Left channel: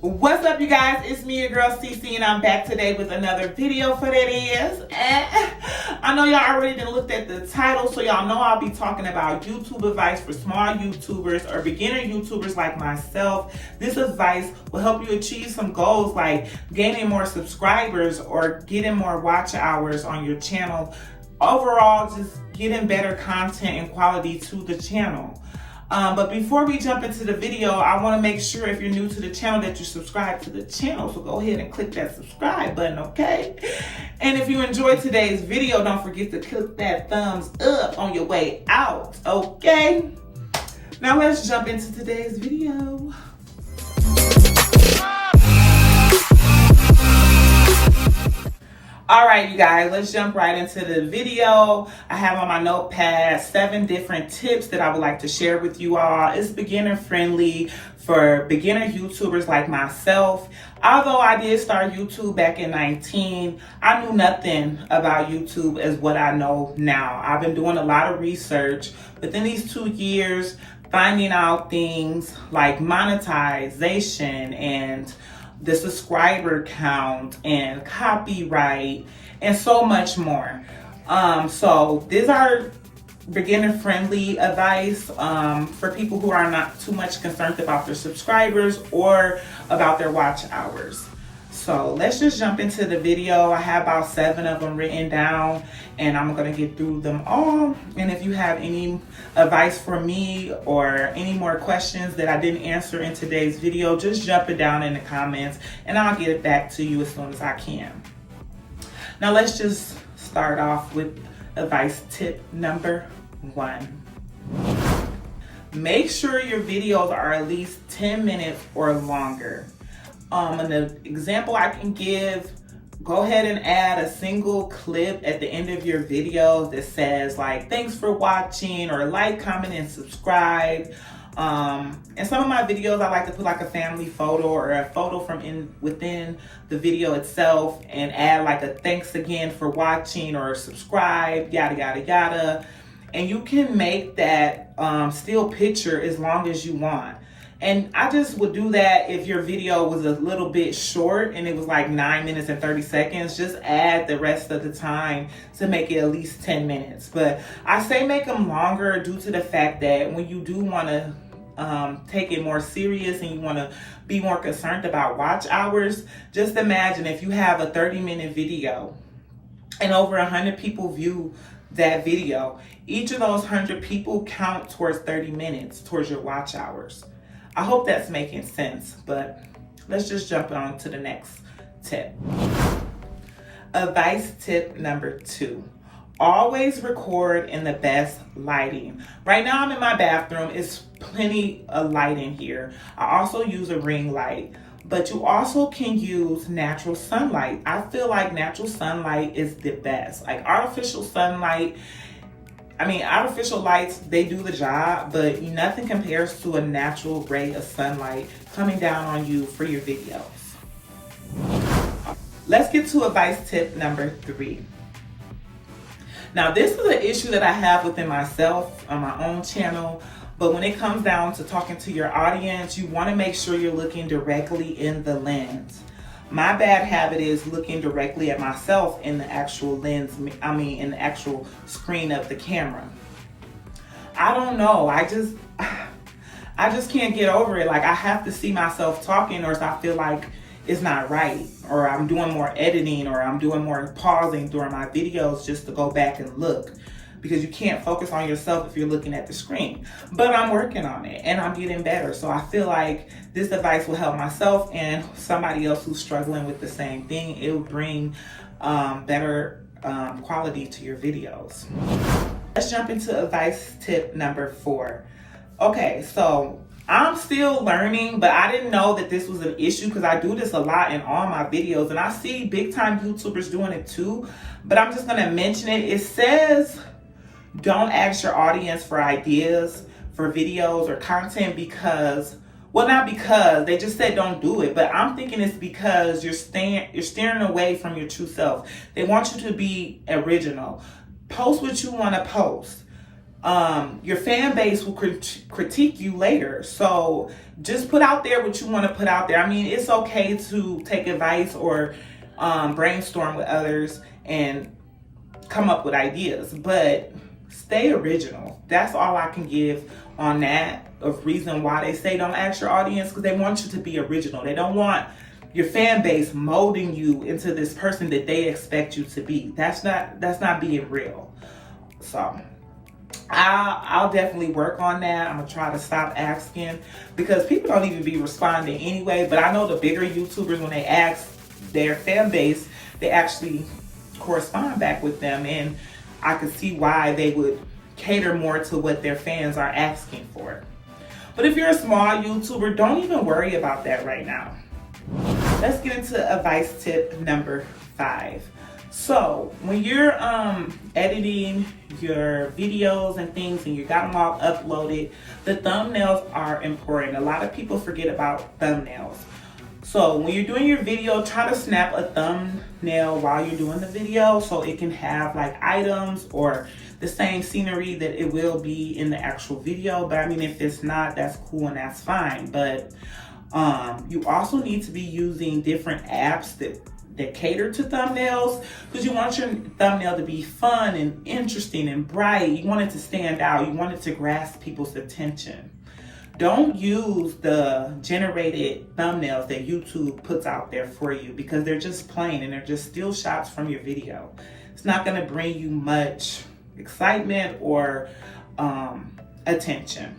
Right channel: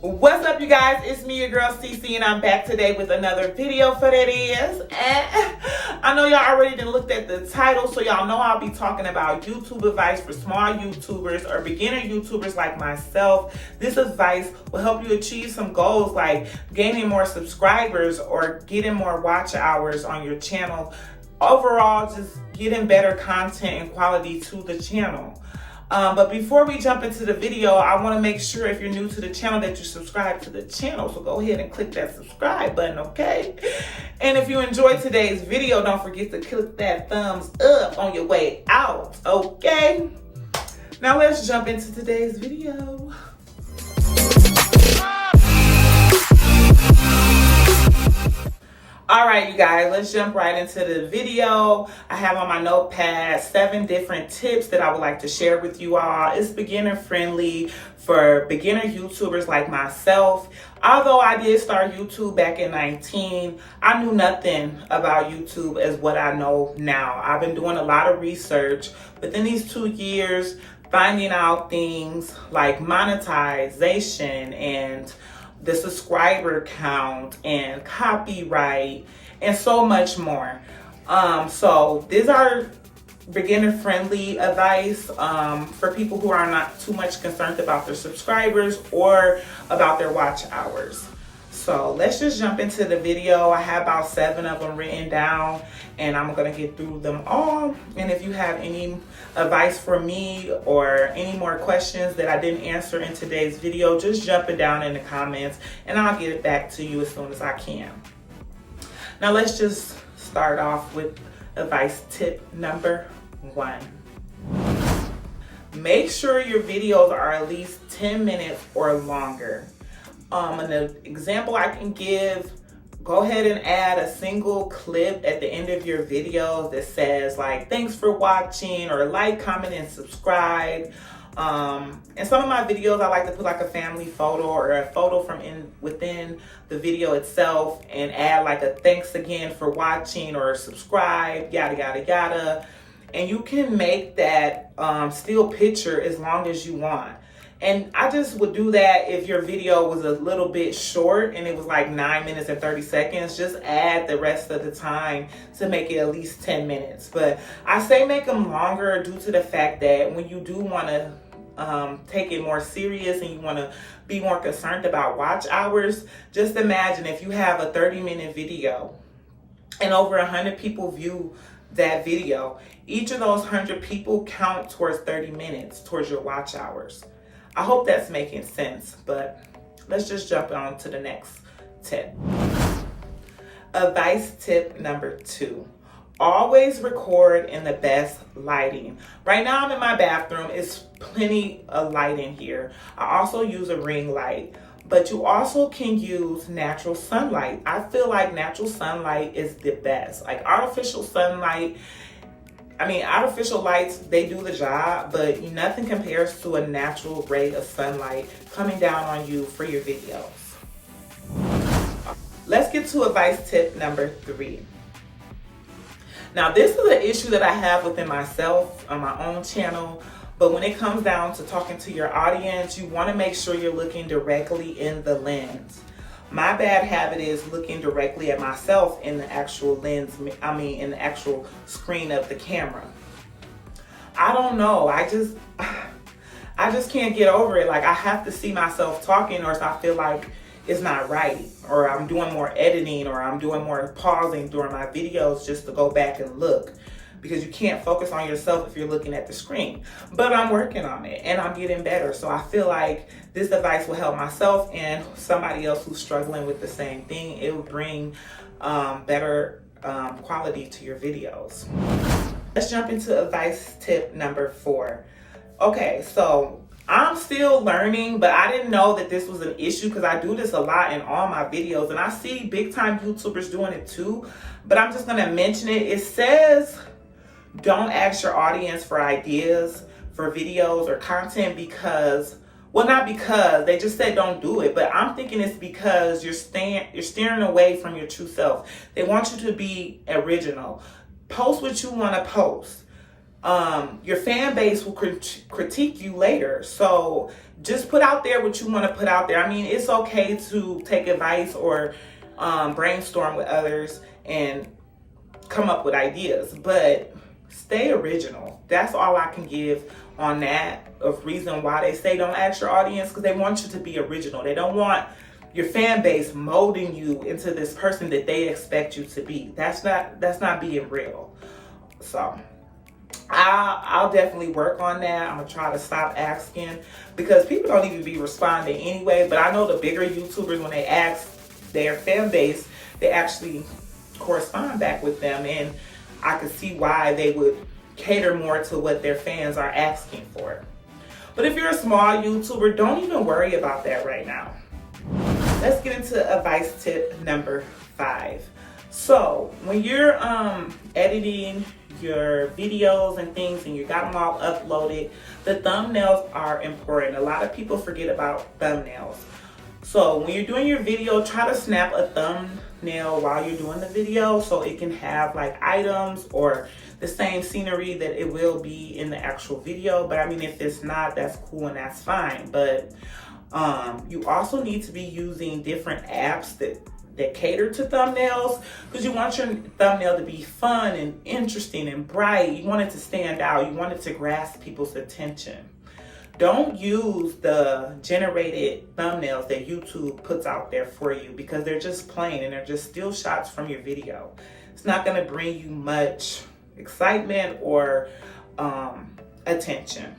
What's up, you guys? It's me, your girl Cece, and I'm back today with another video for that is. I know y'all already done looked at the title, so y'all know I'll be talking about YouTube advice for small YouTubers or beginner YouTubers like myself. This advice will help you achieve some goals like gaining more subscribers or getting more watch hours on your channel. Overall, just getting better content and quality to the channel. But before we jump into the video, I want to make sure if you're new to the channel that you subscribe to the channel. So go ahead and click that subscribe button, okay? And if you enjoyed today's video, don't forget to click that thumbs up on your way out, okay? Now let's jump into today's video. All right, you guys, let's jump right into the video. I have on my notepad 7 different tips that I would like to share with you all. It's beginner friendly for beginner YouTubers like myself. Although I did start YouTube back in 2019, I knew nothing about YouTube as what I know now. I've been doing a lot of research within these 2 years, finding out things like monetization and the subscriber count and copyright and so much more. So these are beginner friendly advice for people who are not too much concerned about their subscribers or about their watch hours. So let's just jump into the video. I have about 7 of them written down and I'm gonna get through them all. And if you have any advice for me or any more questions that I didn't answer in today's video, just jump it down in the comments and I'll get it back to you as soon as I can. Now let's just start off with advice tip number 1. Make sure your videos are at least 10 minutes or longer. An example I can give, go ahead and add a single clip at the end of your videos that says like, thanks for watching, or like, comment, and subscribe. In some of my videos, I like to put like a family photo or a photo from within the video itself and add like a thanks again for watching or subscribe, yada, yada, yada. And you can make that still picture as long as you want. And I just would do that if your video was a little bit short and it was like 9 minutes and 30 seconds, just add the rest of the time to make it at least 10 minutes. But I say make them longer due to the fact that when you do want to take it more serious and you want to be more concerned about watch hours, just imagine if you have a 30-minute video and over 100 people view that video, each of those 100 people count towards 30 minutes towards your watch hours. I hope that's making sense, but let's just jump on to the next tip. Advice tip number 2. Always record in the best lighting. Right now I'm in my bathroom. It's plenty of light in here. I also use a ring light, but you also can use natural sunlight. I feel like natural sunlight is the best. Like artificial sunlight, artificial lights, they do the job, but nothing compares to a natural ray of sunlight coming down on you for your videos. Let's get to advice tip number 3. Now, this is an issue that I have within myself on my own channel, but when it comes down to talking to your audience, you want to make sure you're looking directly in the lens. My bad habit is looking directly at myself in the actual lens, in the actual screen of the camera. I don't know, I just can't get over it. Like I have to see myself talking or else I feel like it's not right, or I'm doing more editing, or I'm doing more pausing during my videos just to go back and look. Because you can't focus on yourself if you're looking at the screen. But I'm working on it and I'm getting better. So I feel like this advice will help myself and somebody else who's struggling with the same thing. It will bring better quality to your videos. Let's jump into advice tip number 4. Okay, so I'm still learning, but I didn't know that this was an issue because I do this a lot in all my videos and I see big time YouTubers doing it too, but I'm just gonna mention it. It says, don't ask your audience for ideas for videos or content because, well, not because, they just said don't do it, but I'm thinking it's because you're steering away from your true self. They want you to be original. Post what you want to post. your fan base will critique you later. So just put out there what you want to put out there. I mean, it's okay to take advice or brainstorm with others and come up with ideas, but stay original. That's all I can give on that of reason why they say don't ask your audience, because they want you to be original. They don't want your fan base molding you into this person that they expect you to be. That's not being real. So I'll definitely work on that. I'm gonna try to stop asking, because people don't even be responding anyway. But I know the bigger YouTubers, when they ask their fan base, they actually correspond back with them, and I could see why they would cater more to what their fans are asking for. But if you're a small YouTuber, don't even worry about that right now. Let's get into advice tip number 5. So when you're editing your videos and things and you got them all uploaded, the thumbnails are important. A lot of people forget about thumbnails. So when you're doing your video, try to snap a thumbnail while you're doing the video so it can have like items or the same scenery that it will be in the actual video. But I mean, if it's not, that's cool and that's fine. But you also need to be using different apps that cater to thumbnails, because you want your thumbnail to be fun and interesting and bright. You want it to stand out. You want it to grasp people's attention. Don't use the generated thumbnails that YouTube puts out there for you, because they're just plain and they're just still shots from your video. It's not going to bring you much excitement or attention.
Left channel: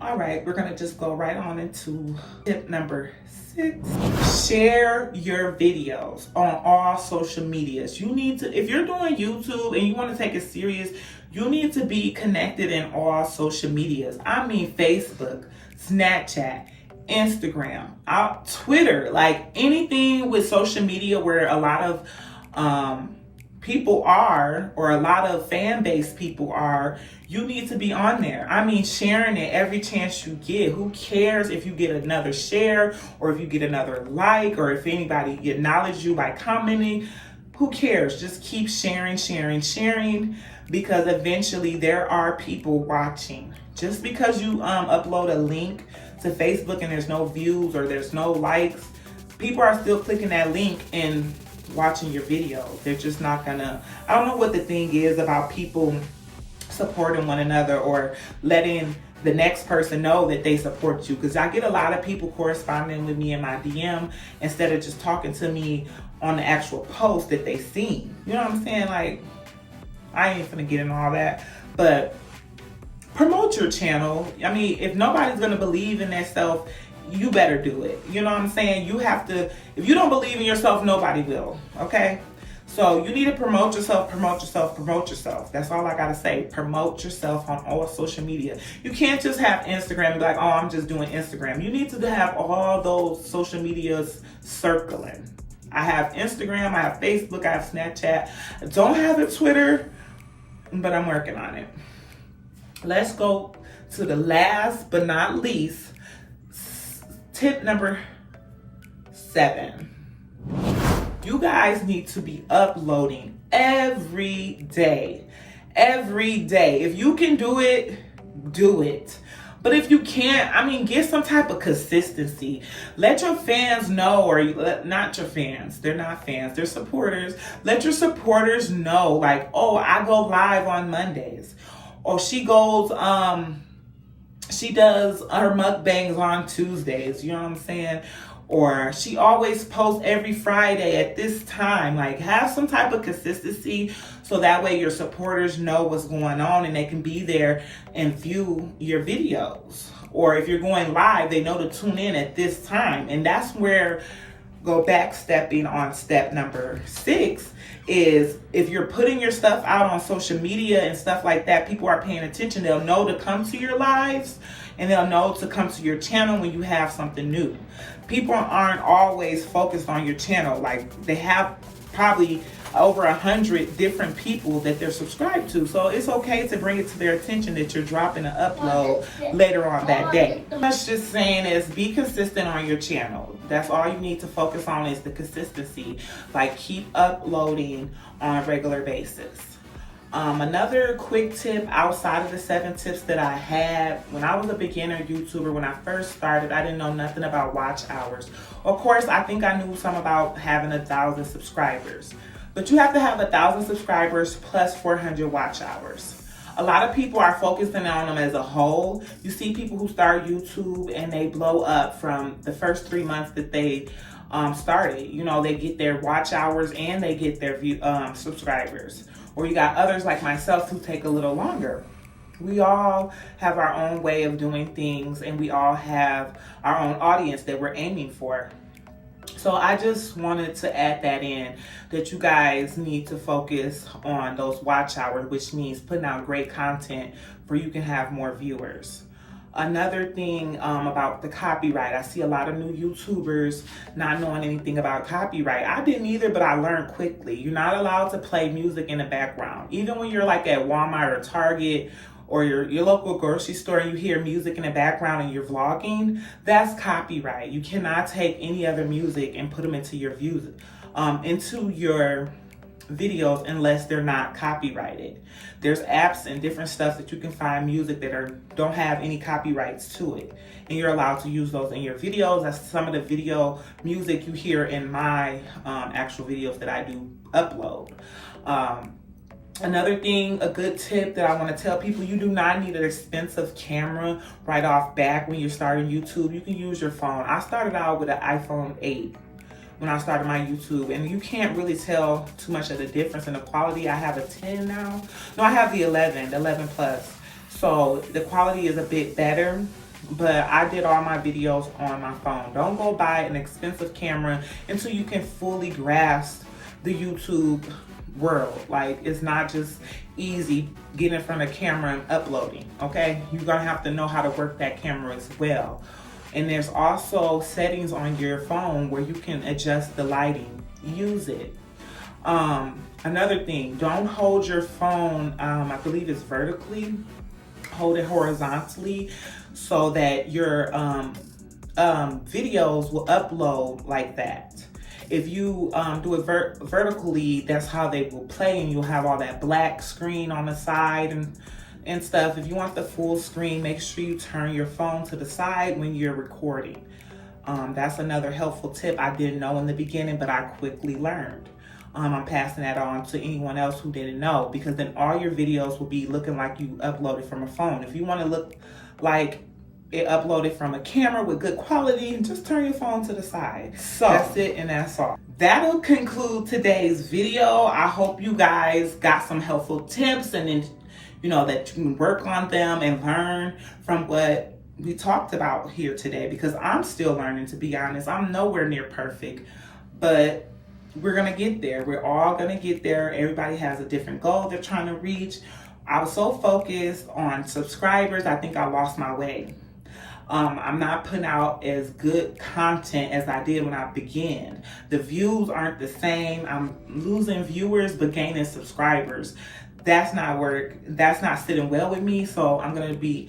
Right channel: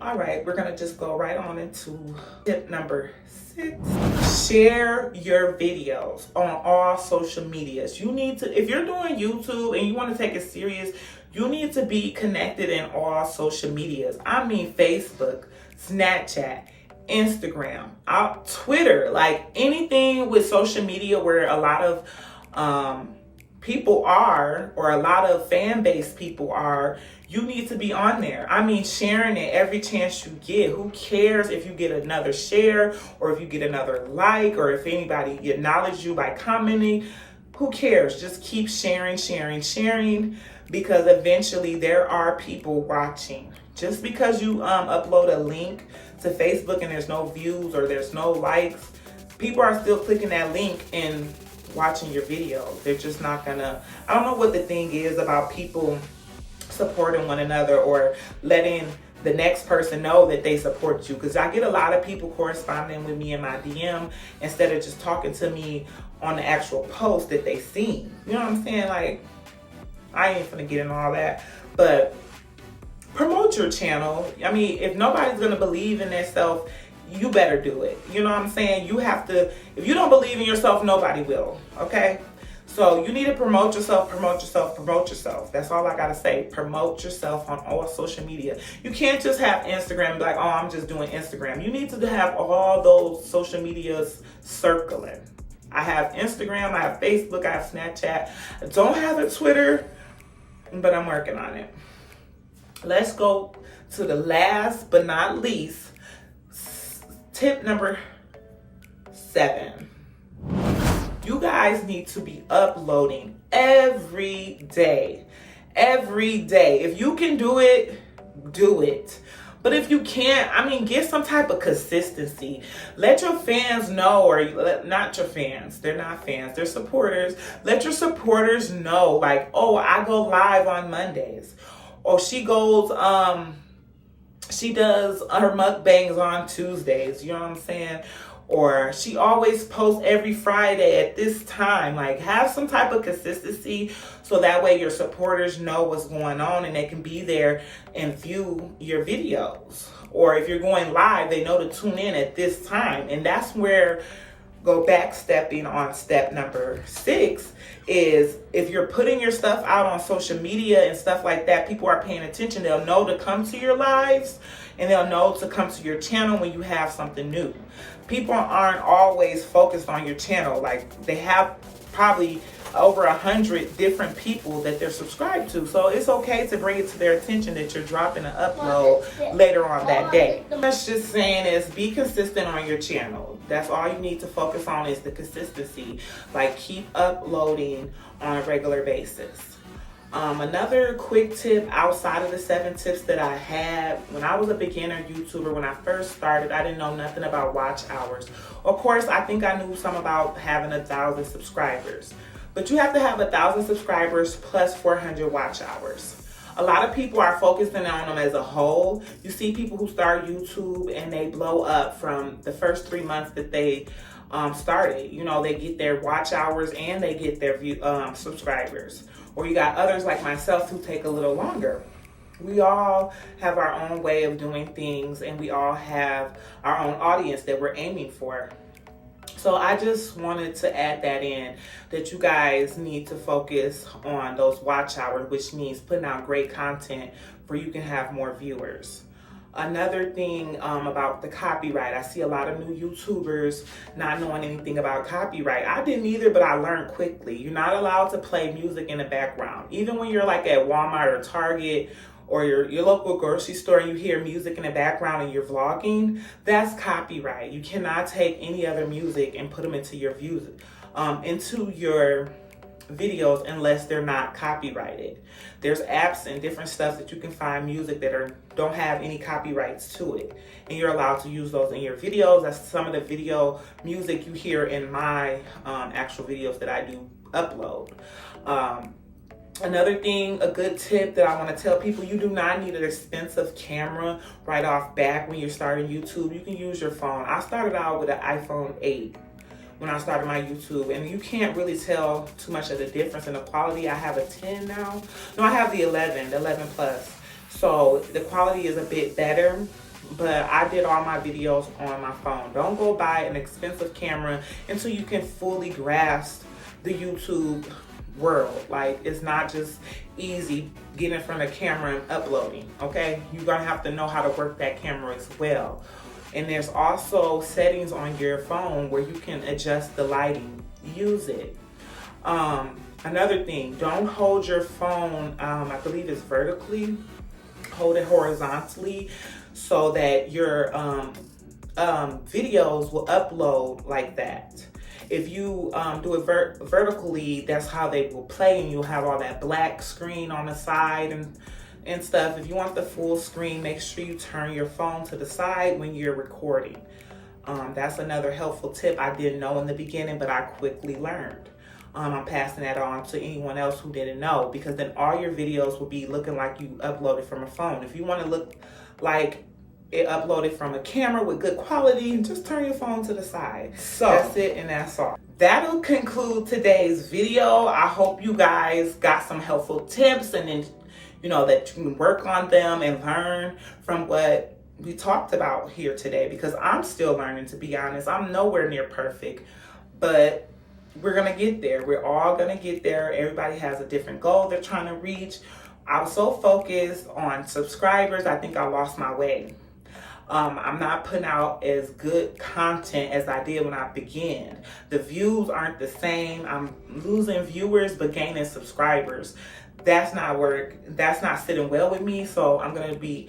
All right, we're gonna just go right on into tip number 6. Share your videos on all social medias. You need to, if you're doing YouTube and you want to take it serious, you need to be connected in all social medias. I mean, Facebook, Snapchat, Instagram, Twitter, like anything with social media where a lot of people are, or a lot of fan base people are, you need to be on there. I mean, sharing it every chance you get. Who cares if you get another share or if you get another like, or if anybody acknowledges you by commenting? Who cares? Just keep sharing, because eventually there are people watching. Just because you upload a link to Facebook and there's no views or there's no likes, people are still clicking that link and watching your videos. They're just not gonna, I don't know what the thing is about people supporting one another or letting the next person know that they support you, because I get a lot of people corresponding with me in my DM instead of just talking to me on the actual post that they seen. You know what I'm saying? Like, I ain't finna get in all that, but promote your channel. I mean, if nobody's gonna believe in themselves, you better do it. You know what I'm saying? You have to, if you don't believe in yourself, nobody will, okay? So you need to promote yourself. That's all I gotta say. Promote yourself on all social media. You can't just have Instagram and be like, oh, I'm just doing Instagram. You need to have all those social medias circling. I have Instagram, I have Facebook, I have Snapchat. I don't have a Twitter, but I'm working on it. Let's go to the last but not least, tip number 7. You guys need to be uploading every day. Every day. If you can do it, do it. But if you can't, I mean, get some type of consistency. Let your fans know, or not your fans. They're not fans. They're supporters. Let your supporters know, like, oh, I go live on Mondays. Or she goes, she does her mukbangs on Tuesdays. You know what I'm saying? Or she always posts every Friday at this time. Like, have some type of consistency so that way your supporters know what's going on and they can be there and view your videos. Or if you're going live, they know to tune in at this time. And that's where, go back stepping on step number 6, is if you're putting your stuff out on social media and stuff like that, people are paying attention. They'll know to come to your lives and they'll know to come to your channel when you have something new. People aren't always focused on your channel. Like, they have probably over 100 different people that they're subscribed to. So it's okay to bring it to their attention that you're dropping an upload later on that day. That's just saying is be consistent on your channel. That's all you need to focus on, is the consistency. Like, keep uploading on a regular basis. Another quick tip outside of the 7 tips that I had when I was a beginner YouTuber, when I first started, I didn't know nothing about watch hours. Of course, I think I knew some about having 1,000 subscribers, but you have to have 1,000 subscribers plus 400 watch hours. A lot of people are focusing on them as a whole. You see people who start YouTube and they blow up from the first 3 months that they started. You know, they get their watch hours and they get their subscribers. Or you got others like myself who take a little longer. We all have our own way of doing things, and we all have our own audience that we're aiming for. So I just wanted to add that in, that you guys need to focus on those watch hours, which means putting out great content where you can have more viewers. Another thing about the copyright, I see a lot of new YouTubers not knowing anything about copyright. I didn't either, but I learned quickly. You're not allowed to play music in the background. Even when you're like at Walmart or Target or your local grocery store and you hear music in the background and you're vlogging, that's copyright. You cannot take any other music and put them into your videos unless they're not copyrighted. There's apps and different stuff that you can find music that don't have any copyrights to it, and you're allowed to use those in your videos. That's some of the video music you hear in my actual videos that I do upload. Another thing, a good tip that I want to tell people, you do not need an expensive camera right off back when you're starting YouTube. You can use your phone. I started out with an iPhone 8 when I started my YouTube, and you can't really tell too much of the difference in the quality. I have a 10 now. No, I have the 11 plus. So the quality is a bit better, but I did all my videos on my phone. Don't go buy an expensive camera until you can fully grasp the YouTube world. Like, it's not just easy getting in front of a camera and uploading, okay? You're gonna have to know how to work that camera as well. And there's also settings on your phone where you can adjust the lighting. Use it. Another thing, don't hold your phone, I believe it's vertically. Hold it horizontally so that your videos will upload like that. If you do it vertically, that's how they will play, and you'll have all that black screen on the side and stuff. If you want the full screen, make sure you turn your phone to the side when you're recording. That's another helpful tip I didn't know in the beginning, but I quickly learned. I'm passing that on to anyone else who didn't know, because then all your videos will be looking like you uploaded from a phone. If you want to look like it uploaded from a camera with good quality, just turn your phone to the side. So that's it, and that's all. That'll conclude today's video. I hope you guys got some helpful tips, and then that you can work on them and learn from what we talked about here today, because I'm still learning, to be honest. I'm nowhere near perfect, but we're gonna get there. We're all gonna get there. Everybody has a different goal they're trying to reach. I was so focused on subscribers, I think I lost my way. I'm not putting out as good content as I did when I began. The views aren't the same. I'm losing viewers but gaining subscribers. That's not sitting well with me, so I'm gonna be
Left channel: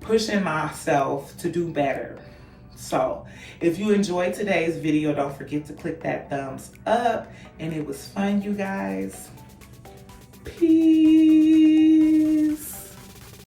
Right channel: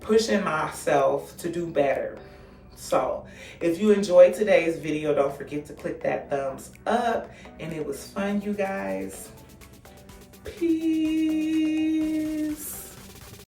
pushing myself to do better. So if you enjoyed today's video, don't forget to click that thumbs up, and it was fun, you guys. Peace.